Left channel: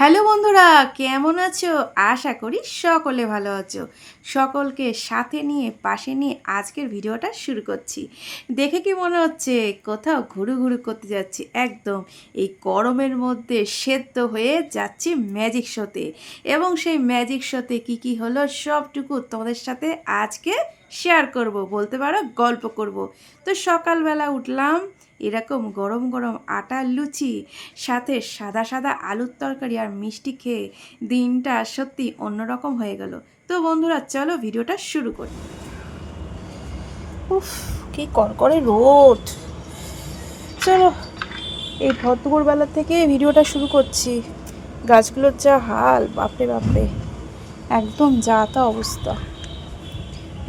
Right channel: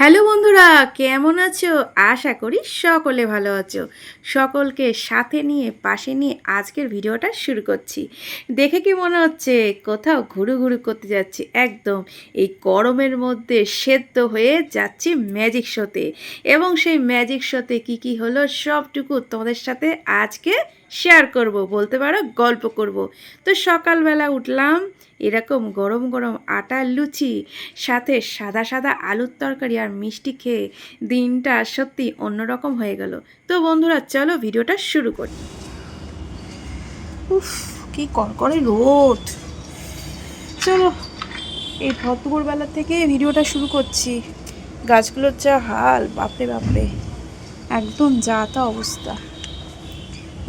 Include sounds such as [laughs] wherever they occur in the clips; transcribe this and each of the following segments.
Hello বন্ধুরা, কেমন আছো? আশা করি সকলে ভালো আছো। সকলকে সাথে নিয়ে, পাশে নিয়ে আজকের ভিডিওটা শুরু করছি। দেখে কি মনে হচ্ছে? কোথাও ঘুরু ঘুরু করতে যাচ্ছি। একদম এই গরমের মধ্যে সেদ্ধ হয়ে যাচ্ছি ম্যাজিক শোতে এবং সেই ম্যাজিক শোতে কি কি হলো সবটুকু তোমাদের সাথে আজকে শেয়ার করব, বলতে পারো গল্প করব। তো সকালবেলা উঠলাম এরকম গরম গরম আটার লুচি, সাথে সাদা সাদা আলুর তরকারি আর মিষ্টি খেয়ে দিনটা সত্যি অন্যরকম হয়ে গেল। তো বন্ধুরা, চলো ভিডিওটা শুরু করি। উফ, কি কড়কড়ে রোদ। চলো, এই ভদ্রপুরবেলা থেকে ভিডিওটা শুরু করছি। গাছগুলোর যা হাল, বাপরে বাপরে। একদম যা তা অবস্থা।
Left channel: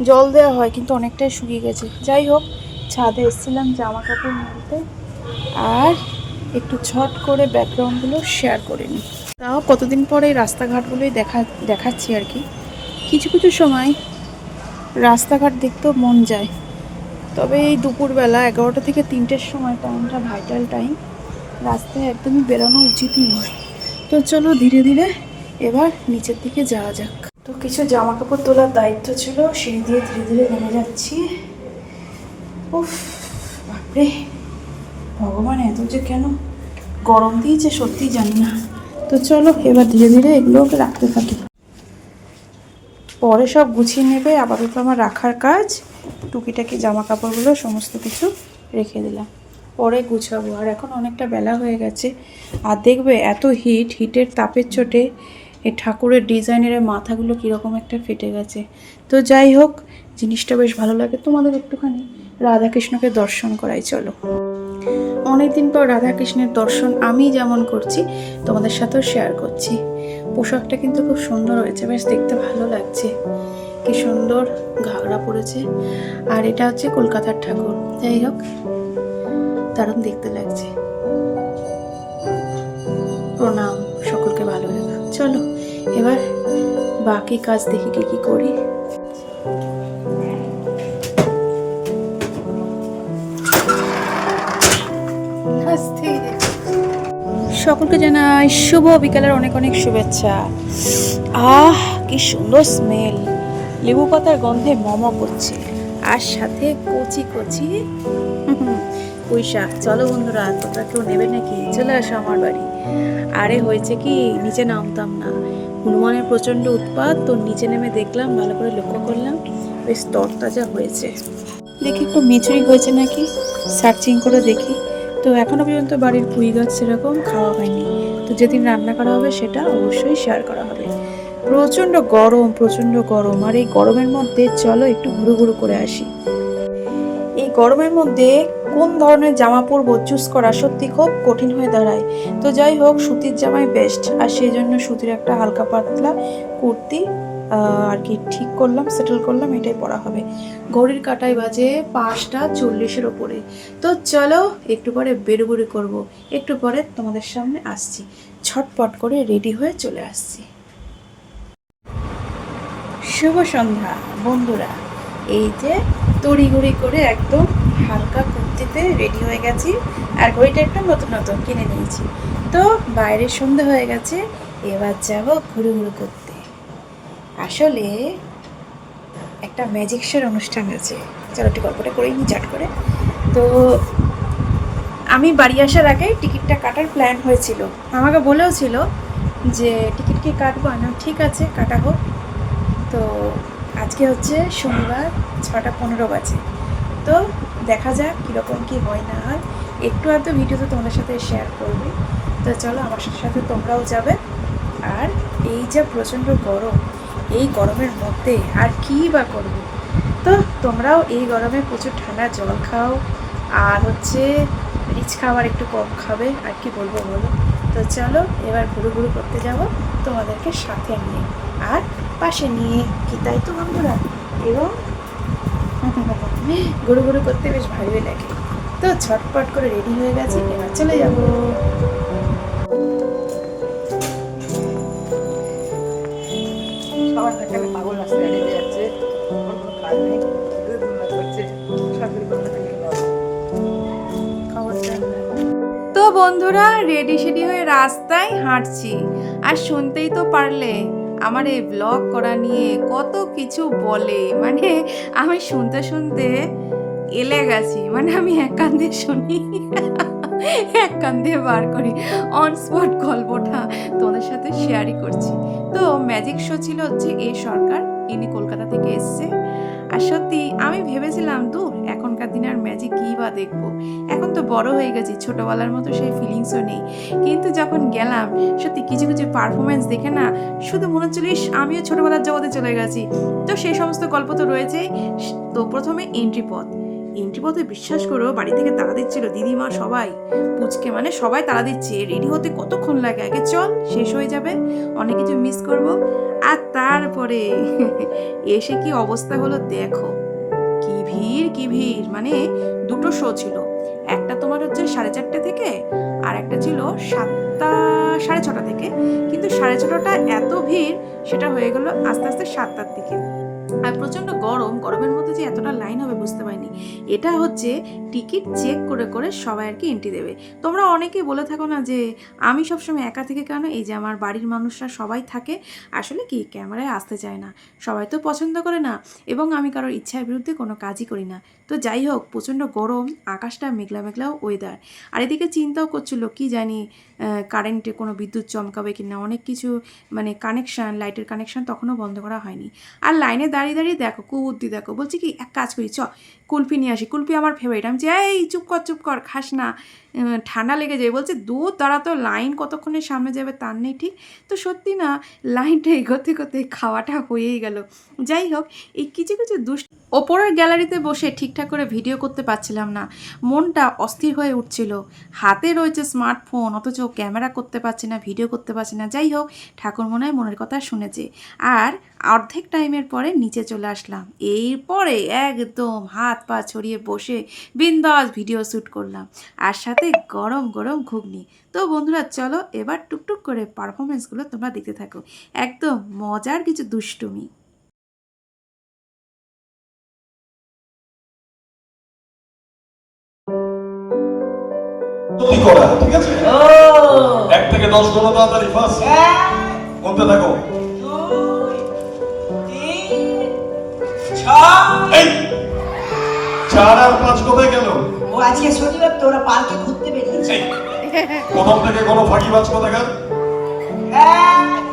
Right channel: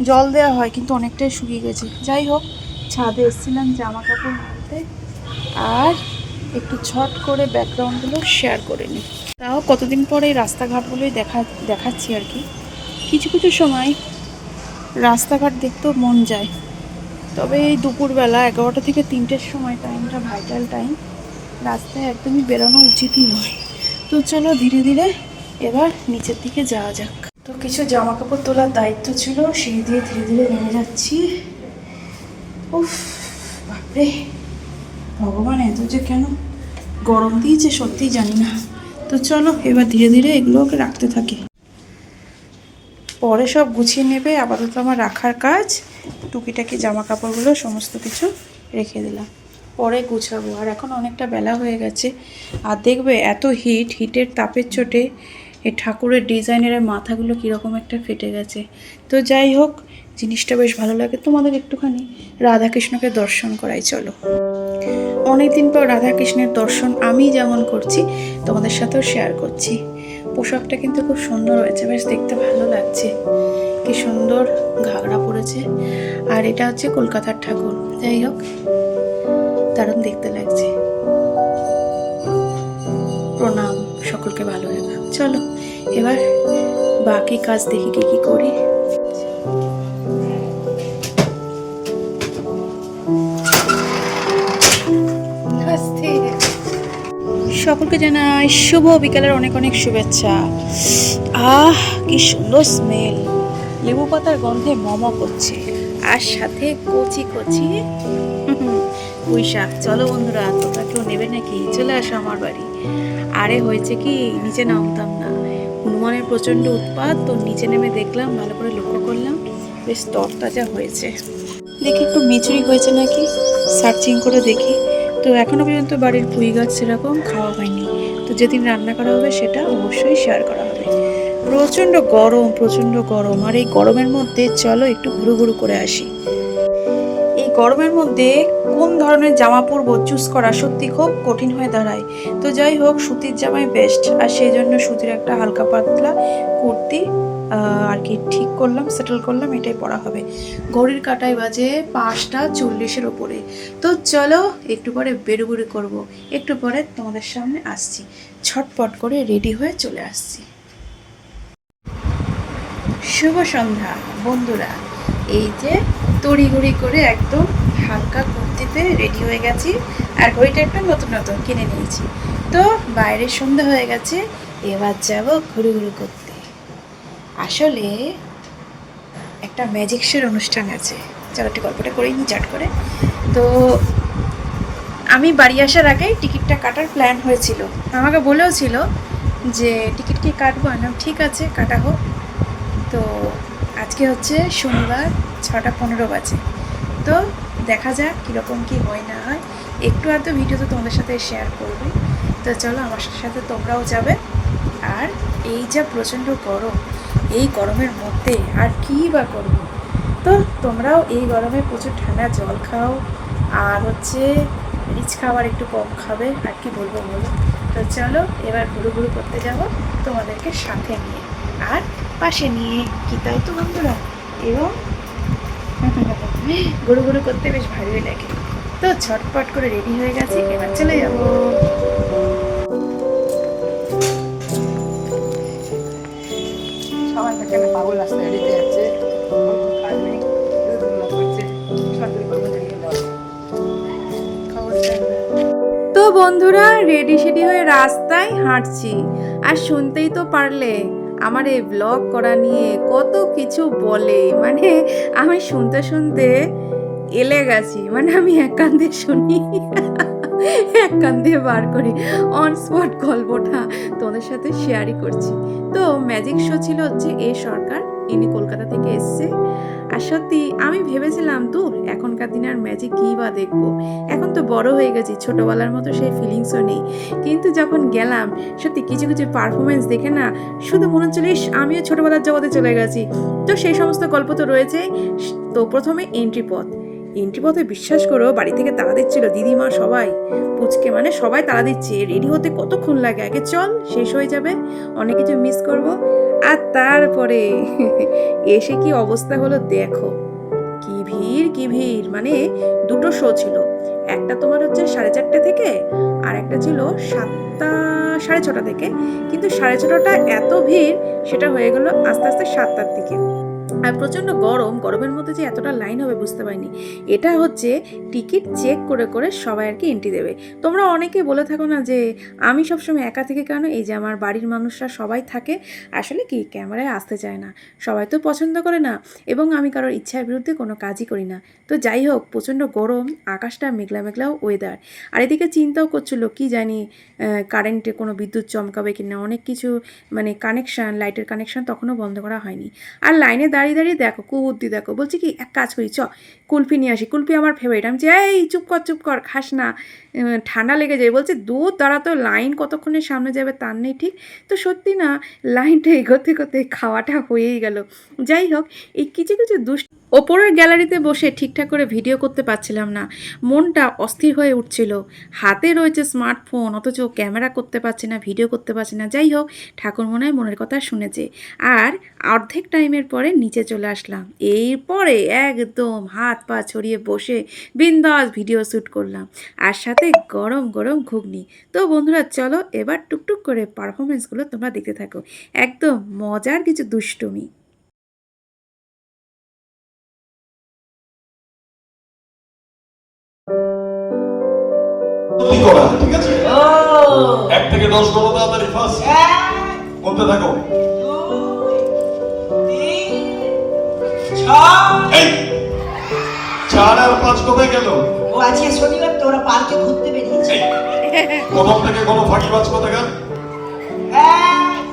জল দেওয়া হয়, কিন্তু অনেকটাই শুকিয়ে গেছে। যাই হোক ছাদে এসেছিলাম জামা কাপড় মেলতে আর একটু ছট করে ব্যাকগ্রাউন্ডগুলো শেয়ার করে নিই। তাও কতদিন পরে এই রাস্তাঘাটগুলোই দেখা, দেখাচ্ছি আর কি। কিছু কিছু সময় রাস্তাঘাট দেখতেও মন যায়। তবে এই দুপুরবেলা এগারোটা থেকে তিনটের সময় টাইমটা ভাইটাল টাইম। রাস্তায় একদমই বেরোনো উচিতই নয়। তো চলো ধীরে ধীরে এবার নিচের দিকে যাওয়া যাক। তো কিছু জামা কাপড় তোলার দায়িত্ব ছিল, সেই দিয়ে ধীরে ধীরে নেমে যাচ্ছি। উফ, বাপরে। ভগবান, এত যে কেন? গরম দিয়েছে সত্যি জানি না। তো চলো, এবার ধীরে ধীরে এগুলোকে রাখতে থাকি। পরে সব গুছিয়ে নেবে, আপাতত আমার রাখার কাজ। টুকিটাকি জামা কাপড়গুলো সমস্ত কিছু রেখে দিলাম। পরে গুছাবো। আর এখন অনেকটা বেলা হয়ে গেছে। আর দেখবে, এত হিট হিটের তাপের চোটে এ ঠাকুরের ডিজাইনের মাথাগুলো কীরকম একটা ফেটে গেছে। তো যাই হোক জিনিসটা বেশ ভালো লাগে। তোমাদের একটুখানি রাধাকৃষ্ণকে দর্শন করাই চলো। অনেকদিন পর রাধাকৃষ্ণের দর্শন আমি যেমন করছি, তোমাদের সাথেও শেয়ার করছি। পোশাকটা কিন্তু খুব সুন্দর হয়েছে, বেশ দেখতে ভালো লাগছে। কি সুন্দর ঘাগরা পরেছে আর এটা হচ্ছে কলকাতার ঠাকুর। যাই হোক, দারুণ দেখতে লাগছে। প্রণাম, সকলকে ভালো রেখো। চলো, এবার বাকি কাজ দেখি কি কি করি। সকলকে জানাই শুভ বিকালের অনেক অনেক শুভেচ্ছা। আহ, কি সুন্দর স্মেল লেবু পাতার গন্ধে মম করছে। আর সাথে কচি কচি। পুঁই শাক চলো বন্ধুরা, তোমরা কেউ নেবে নাকি? চলে আসো আমার বাড়ি। আরে, হয়েছে কি? নিচে নামতাম না। হনুমানের প্রচণ্ড উৎপাত, তো নিচে নেমে দেখলাম, ভালো করে লক্ষ্য করলাম, বেশ তরতাজা হয়েছে। দেখি একটু মিচুরি হয়েছে নাকি? সার্চিং করে দেখি। তো এখনও পর্যন্ত বাড়ির পুঁই গাছ সেরকম খাওয়া হয়নি। তো যেদিন রান্না করা হবে সেটা অবশ্যই শেয়ার করা হবে। প্রচণ্ড গরম প্রচণ্ড গরম। আর এই গরমের মধ্যে চলো একটু ঘুরু ঘুরু করে আসি। এই গরমের মধ্যে কোন ধরনের জামা পরবো চুজ করা সত্যি খুব কঠিন হয়ে দাঁড়ায়। তো যাই হোক, সুতির জামাই বেস্ট আর সেই জন্য সুতির একটা হালকা পাতলা কুর্তি আর কি ঠিক করলাম সেটেল করলাম, এটাই পড়া হবে। ঘড়ির কাটায় বাজে পাঁচটা চল্লিশের ওপরে। তো চলো, একটু পরে বেরুবুরি করব। একটু পরে তোমাদের সামনে আসছি। ছটপট করে রেডি হয়ে চলে আসছি। শুভ সন্ধ্যা, বন্ধুরা। এই যে তড়িঘড়ি করে একদম হালকা কুর্তিতে রেডি হয়ে গেছি, আর ঘড়িটা একটা নতুন নতুন কিনে নিয়েছি। তো বাইরে সন্ধ্যা হয়ে গেছে, এবার যাব ঘুরু ঘুরু করতে। আসলে একটা ম্যাজিক শোর অনুষ্ঠান আছে। চলো একটু গল্পটা করেই নি চাট করে। তো আমি বাড়ি আসার আগে টিকিটটা কাটার প্ল্যান হয়েছিল। আমাকে বলেও ছিল যে, টিকিট কি কাটবো? আমি ঠিক আছে, কাটা হোক। তো আজকে হচ্ছে শনিবার, ছটা পনেরো বাজে। তো দেখা যাক কীরকম কি হয়, না হয়। একটু আধটু ভিডিও তো তোমাদের সাথে শেয়ার করবে। তো চলো, আমার সাথে সাথে তোমরাও যাবে। আর এই যা প্রচণ্ড গরম এই গরমের মধ্যে আর কী বা করব? তো তোমরাও এই গরমে প্রচুর ঠান্ডা জল খাও, আর হচ্ছে রিচ খাবার একটু কম খাবে, আর কি বলব বলো? তো চলো, এবার ঘুরু ঘুরু করতে যাব তোমাদেরকে সাথে নিয়ে, আর পাশে নিয়ে কি তাই তো বন্ধুরা? এবং [laughs] ঘুরু ঘুরু করতে বেশ ভালোই লাগে। তো ছটপট করে রেডি হয়ে গেছি, এবার চলে যাব। বন্ধুরা রেডি সেডি হয়ে রাস্তায় হাঁটছি। আর শুনতেই তো পারলে, আমার এই ব্লগ করা নিয়ে কত কিছু বলে। মানে আমি শুনতে শুনতে এলে গেছি। মানে আমি এক কান দিয়ে শুনি, এক বার করি। অন স্পট গল্পটা তোমাদের সাথে শেয়ারই করছি। তো ম্যাজিক শো ছিল হচ্ছে এ সরকার। ইনি কলকাতা থেকে এসছে। আর সত্যি, আমি ভেবেছিলাম, দূর, এখনকার দিনে আর ম্যাজিক কী বা দেখব? এখন তো বড় হয়ে গেছি, ছোটোবেলার মতো সেই ফিলিংসও নেই। কিন্তু যখন গেলাম, সত্যি কিছু কিছু পারফরমেন্স দেখে না, শুধু মনে হচ্ছিল আমিও ছোটোবেলার জগতে চলে গেছি। তো সেই সমস্ত গল্প তো রয়েছেই। তো প্রথমে এন্ট্রি পথ। এন্ট্রি পথে বিশ্বাস করো, বাড়ি থেকে তাড়া দিচ্ছিল দিদিমা সবাই। পুচকে মানে সবাই তাড়া দিচ্ছে রেডি হতে কতক্ষণ লাগে? আগে চল, শেষ হয়ে যাবে, অনেক কিছু মিস করব। আর তারপরে [laughs] এসে কি অবস্থা হলো দেখো। কি ভিড় কি ভিড় মানে দুটো শো ছিল। একটা তোমার হচ্ছে সাড়ে চারটে থেকে, আর একটা ছিল সাতটা, সাড়ে ছটা থেকে। কিন্তু সাড়ে ছটাটা এত ভিড়, সেটা হয়ে গেল আস্তে আস্তে সাতটার দিকে। আর প্রচণ্ড গরম, গরমের মধ্যে যে এতটা লাইন হবে বুঝতে পারিনি। এটা হচ্ছে টিকিট চেক করে করে সবাই আর কি এন্ট্রি দেবে। তোমরা অনেকে বলে থাকো না যে আমি সবসময় একা থেকে কেন? এই যে আমার বাড়ির মানুষরা সবাই থাকে, আসলে কি ক্যামেরায় আসতে চায় না। সবাই তো পছন্দ করে না এবং আমি কারোর ইচ্ছার বিরুদ্ধে কোনো কাজই করি না। তো যাই হোক, প্রচণ্ড গরম, আকাশটা মেঘলা মেঘলাও ওয়েদার আর এদিকে চিন্তাও করছিল কি জানি কারেন্টে কোনো বিদ্যুৎ চমকাবে কি না অনেক কিছু মানে কানেকশান লাইটের কানেকশান তখনও বন্ধ করা হয়নি। আর লাইনে দাঁড়িয়ে দাঁড়িয়ে দাঁড়িয়ে দেখো, কুবুদ্ধি দেখো। বলছি কি, এক কাজ করি চ কুলফি নিয়ে আসি। কুলফি আমার ফেভারিট আমি যে এই, চুপ কর চুপ কর, খাস না। ঠান্ডা লেগে যায় বলছে, দূর, দাঁড়া তো লাইন কতক্ষণে সামনে যাবে তার নেই ঠিক। তো সত্যি না লাইনটা এগোতে এগোতে খাওয়াটা হয়েই গেল। যাই হোক, এই কিছু কিছু দুষ্ট ওপরের গ্যালারিতে বসে ঠিকঠাক করে ভিডিও করতে পারছিলাম না। মনটা অস্থির হয়ে উঠছিল। হাতে রয়েছে স্মার্টফোন, অথচ ক্যামেরা করতে পারছি না, ভিডিও করতে পারছি না। যাই হোক, ঠাকুর মনে মনের কথা শুনেছে। আর অর্ধেক টাইমের পরে নিচে চলে আসলাম। এরপরে একদম হাত পা ছড়িয়ে বসে বিন্দাস ভিডিও শ্যুট করলাম। আর সাথে গরম গরম ঘুগনি। তো বন্ধুরা, চলো এবার টুকটুক করে পারফরমেন্সগুলো তোমরা দেখতে থাকো। একদম মজার কিছু দুষ্টুমি। কি করা? ঠিক আছে? এক থেকে দশ গুণ তাড়াতাড়ি ফার্স্ট বলতে থাকো। এই! চার আর পাঁচ কোথায় গেল? ও আজকে শনিবার তোরা পার্কে ঘুরতে বেরিয়েছে। প্রথম থেকে কোনো ফাঁকি কোথাকার? এক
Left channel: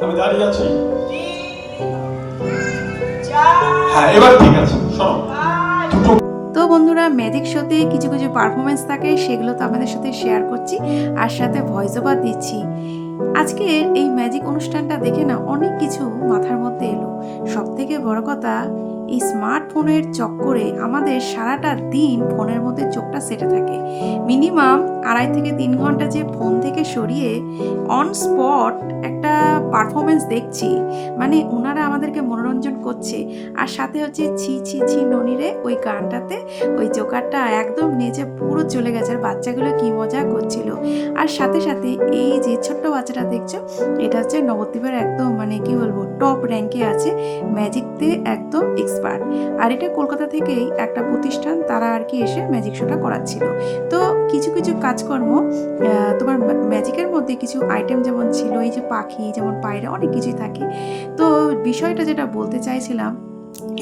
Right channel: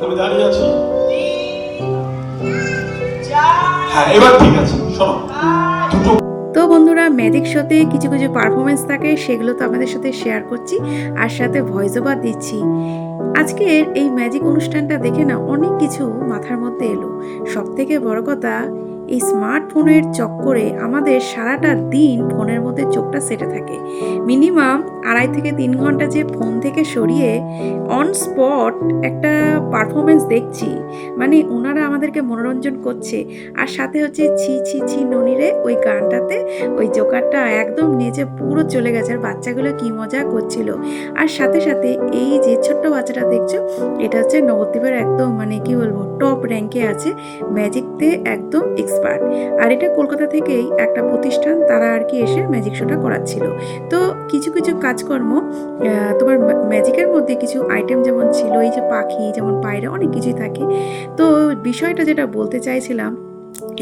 দুই আমি দাঁড়িয়ে আছি। হ্যাঁ এবার ঠিক আছে শোনো। পাঁচ তো বন্ধুরা ম্যাজিক শোতে কিছু কিছু পারফরমেন্স থাকে, সেগুলো তো আমাদের সাথে শেয়ার করছি আর সাথে ভয়েস ওভার দিচ্ছি। আজকে এই ম্যাজিক অনুষ্ঠানটা দেখে না অনেক কিছু মাথার মধ্যে এলো। সব থেকে বড় কথা, এই স্মার্টফোনের চক্করে আমাদের সারাটা দিন ফোনের মধ্যে চোখটা সেটে থাকে। মিনিমাম আড়াই থেকে তিন ঘণ্টা যে ফোন থেকে সরিয়ে অন স্পট একটা পারফরমেন্স দেখছি। মানে ওনারা আমাদেরকে মনোরঞ্জন করছে। আর সাথে হচ্ছে ছি ছি ছি ননিরে ওই গানটাতে ওই জোকারটা একদম নিচে পুরো চলে গেছে। আর বাচ্চাগুলো কি মজা করছিল। আর সাথে সাথে এই যে ছোট্ট বাচ্চাটা দেখছ, এটা হচ্ছে নবদ্বীপের একদম মানে কি বলব টপ র্যাঙ্কে আছে ম্যাজিকতে একদম এক্সপার্ট আর এটা কলকাতা থেকেই একটা প্রতিষ্ঠান, তারা আর কি এসে ম্যাজিক শোটা করাচ্ছিল। তো কিছু কিছু কাজকর্ম তোমার ম্যাজিকের মধ্যে কিছু আইটেম যেমন ছিল, এই যে পাখি, যেমন পায়রা, অনেক কিছুই থাকে। তো বিষয়টা যেটা বলতে চাইছিলাম,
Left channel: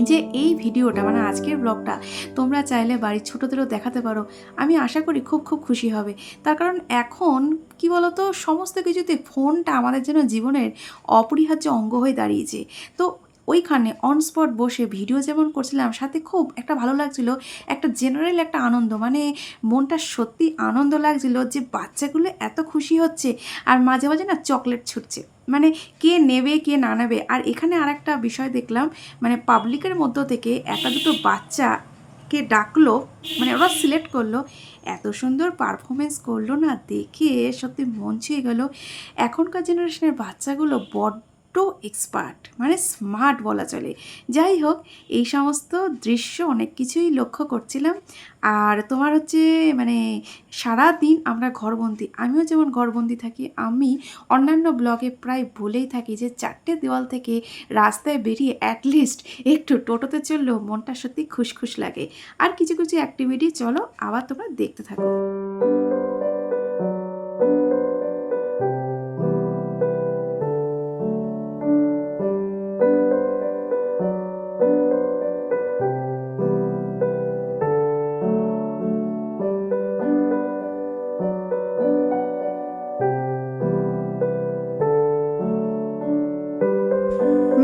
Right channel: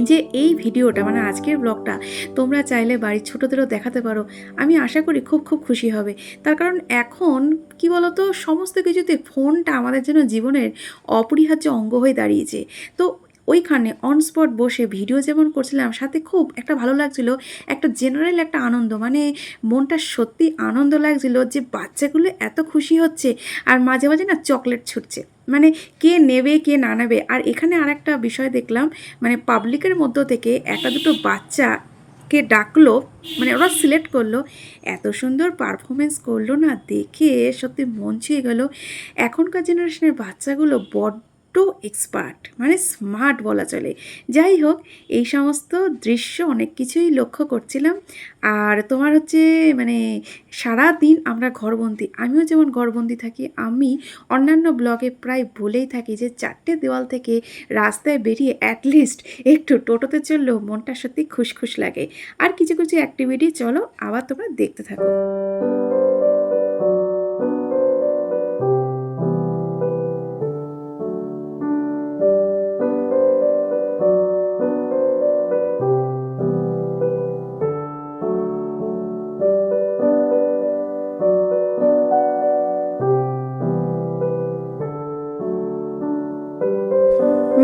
যে এই ভিডিওটা মানে আজকের ব্লগটা তোমরা চাইলে বাড়ির ছোটোদেরও দেখাতে পারো। আমি আশা করি খুব খুব খুশি হবে। তার কারণ এখন, কি বলতো, সমস্ত কিছুতে ফোনটা আমাদের জন্য জীবনের অপরিহার্য অঙ্গ হয়ে দাঁড়িয়েছে। তো ওইখানে অন স্পট বসে ভিডিও যেমন করছিলাম, সাথে খুব একটা ভালো লাগছিল, একটা জেনারেল একটা আনন্দ মানে মনটা সত্যি আনন্দ লাগছিল যে বাচ্চাগুলো এত খুশি হচ্ছে আর মাঝে মাঝে না চকলেট ছুটছে। মানে কে নেবে, কে না নেবে? আর এখানে আর একটা বিষয় দেখলাম মানে পাবলিকের মধ্য থেকে একটা দুটো বাচ্চাকে ডাকলো মানে ওরা সিলেক্ট করল, এত সুন্দর পারফরমেন্স করল না, দেখে সত্যি মন ছুঁয়ে গেল। এখনকার জেনারেশনের বাচ্চাগুলো বড্ড এক্সপার্ট মানে স্মার্ট বলা চলে। যাই হোক, এই সমস্ত দৃশ্য অনেক কিছুই লক্ষ্য করছিলাম। আর তোমার হচ্ছে মানে সারা দিন আমরা ঘরবন্দি, আমিও যেমন ঘরবন্দি থাকি, আমি অন্যান্য ব্লগে প্রায় বলেই থাকি যে চারটে দেওয়াল থেকে রাস্তায় বেরিয়ে অ্যাটলিস্ট একটু টোটোতে চললেও মনটা সত্যি খুশখুশ লাগে। আর কিছু কিছু অ্যাক্টিভিটি চলো আবার তোমরা দেখতে থাকো।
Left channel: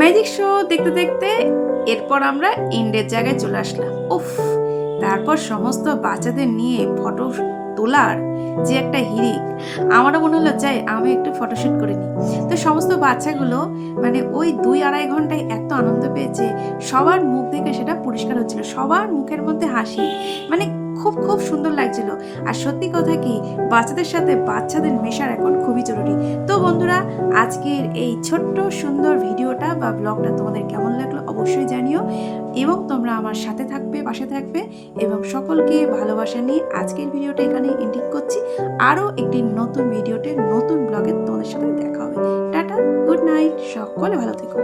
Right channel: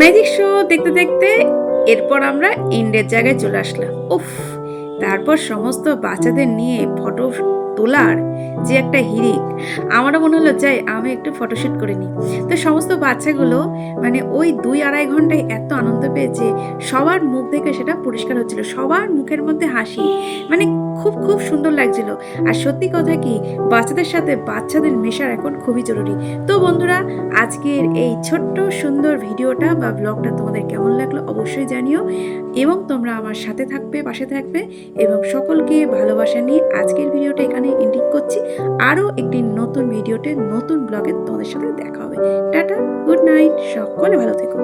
ম্যাজিক শো দেখতে দেখতে? এরপর আমরা এন্ডের জায়গায় চলে আসলাম। উফ, তারপর সমস্ত বাচ্চাদের নিয়ে ফটো তোলার যে একটা হিরিক আমারও মনে হলো, যাই, আমি একটু ফটোশ্যুট করে নিই। তো সমস্ত বাচ্চাগুলো মানে ওই দুই আড়াই ঘন্টায় এত আনন্দ পেয়েছে, সবার মুখ দেখে সেটা পরিষ্কার হচ্ছিল। সবার মুখের মধ্যে হাসি মানে খুব খুব সুন্দর লাগছিল। আর সত্যি কথা কি, বাচ্চাদের সাথে বাচ্চাদের মেশার এখন খুবই জরুরি। তো বন্ধুরা, আজকের এই ছোট্ট সুন্দর ভিডিওটা বা ব্লগটা তোমাদের কেমন লাগল অবশ্যই জানিও। এবং তোমরা আমার সাথে থাকবে, পাশে থাকবে এবং সকলকে ভালোবাসা নিয়ে আজকের ভিডিওটা এখানে এন্ডিং করছি। আরও একটি নতুন ভিডিওতে, নতুন ব্লগে তোমাদের সাথে দেখা হবে। টাটা, গুড নাইট, সকলে ভালো থেকো।